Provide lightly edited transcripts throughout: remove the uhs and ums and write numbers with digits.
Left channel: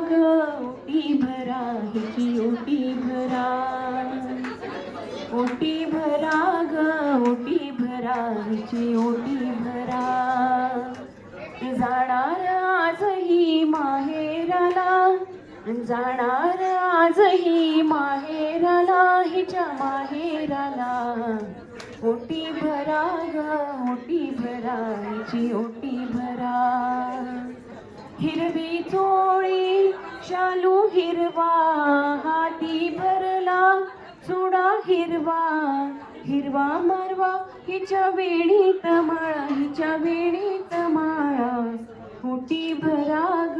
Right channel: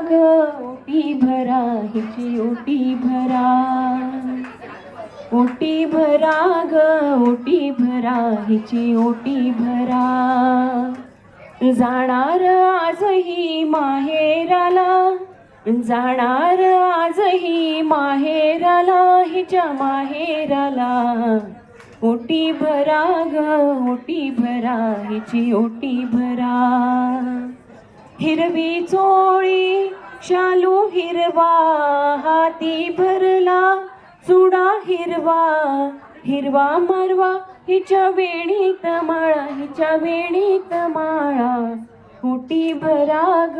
ओटी भरा हिची ओटी भरा, ओटी भरा ग ओटी भरा हिची ओटी भरा. जाणार आजही माहेराला, जाणार आजही माहेराला, हिच्या माहेराला. ओटी भरा ग ओटी भरा हिची ओटी भरा. हिरवी चोळी शालू हिरवा, हाती भरला चुडा हिरवा. हिरवा मारवा हिच्या वेणीत माळा, हिच्या वेणीत माळा. ओटी भरा ग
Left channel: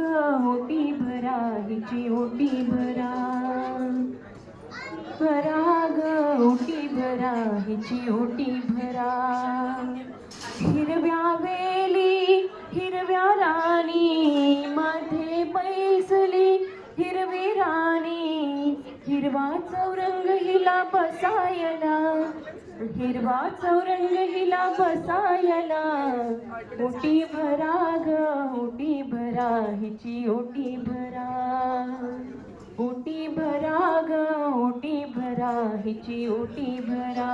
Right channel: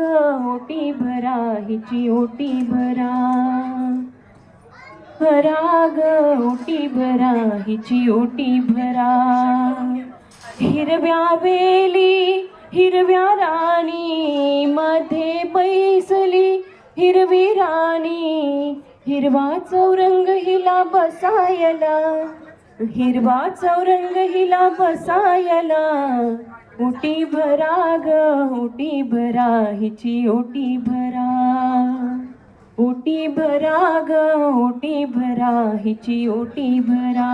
ओटी भरा हिची ओटी भरा. भरा ग ओटी भरा हिची ओटी भरा. हिरव्या वेली हिरव्या राणी मध्ये बैसली हिरवी राणी. हिरवा चौरंग हिला बसायला, हिरवा चौरंग हिला बसायला. ओटी भरा ग ओटी भरा हिची ओटी भरा. ओटी भरा ग ओटी भरा हिची ओटी भरा.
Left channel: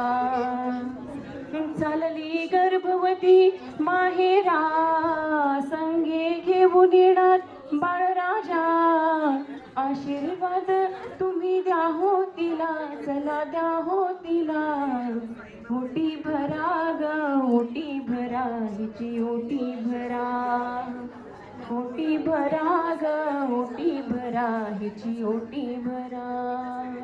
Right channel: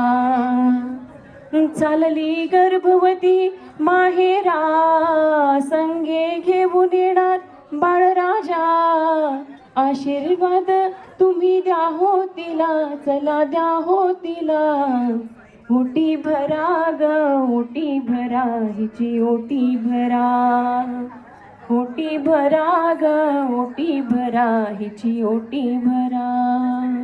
चालली गर्भवती माहेरा, संगे घेऊन येणार बाळराजा. आशीर्वाद तुम्ही द्या हो तिला, चला द्या हो तिला. ओटी भरा ग ओटी भरा हिची ओटी भरा. ओटी भरा ग ओटी भरा हिची ओटी भरा.